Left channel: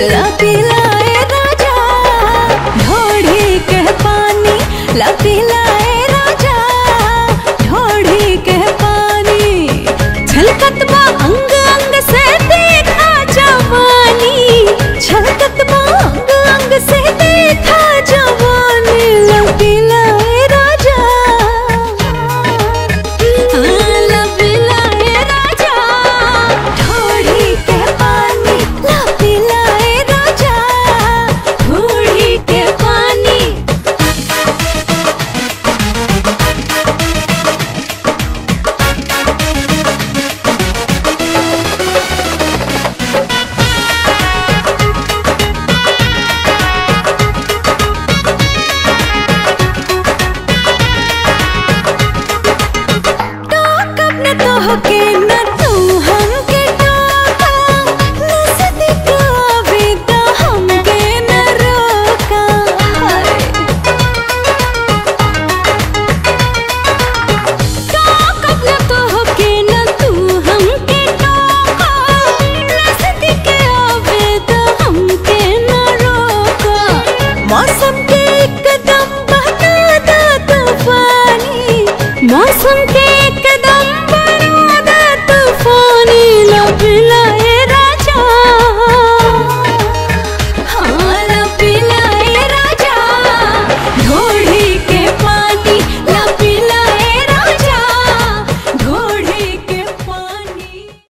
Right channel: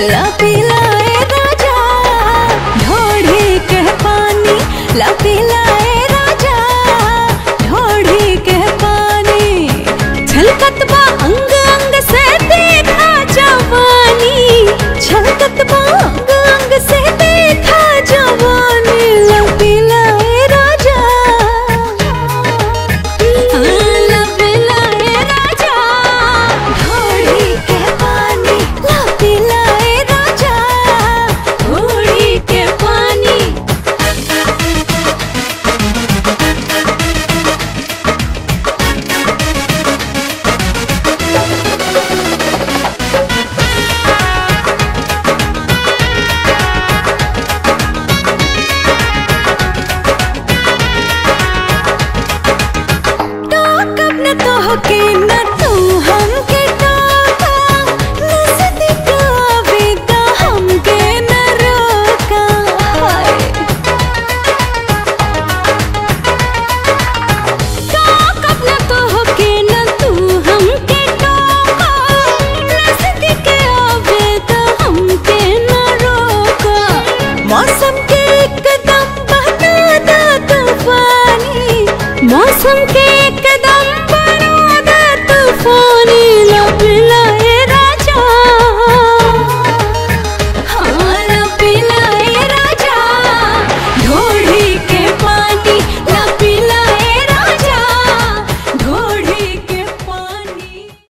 ला पिलाए राजा ढोढ़ी के पानी, ला पिलाए राजा ढोढ़ी के पानी। छलकत बा अंग अंग से देखा जवानी, छलकत बा अंग अंग से देखा जवानी। ला पिलाए राजा, ला पिलाए राजा ढोढ़ी के पानी, ला पिलाए राजा ढोढ़ी के पानी। के न तू हमके टोका, नजदीक आवे त हमके न रोका। टोकब न तोहके न तू हमके टोका, नजदीक आवे त हमके न रोका। मौसम के एकदम बना दा तूफानी, मौसम के एकदम तूफानी। ला पिलाए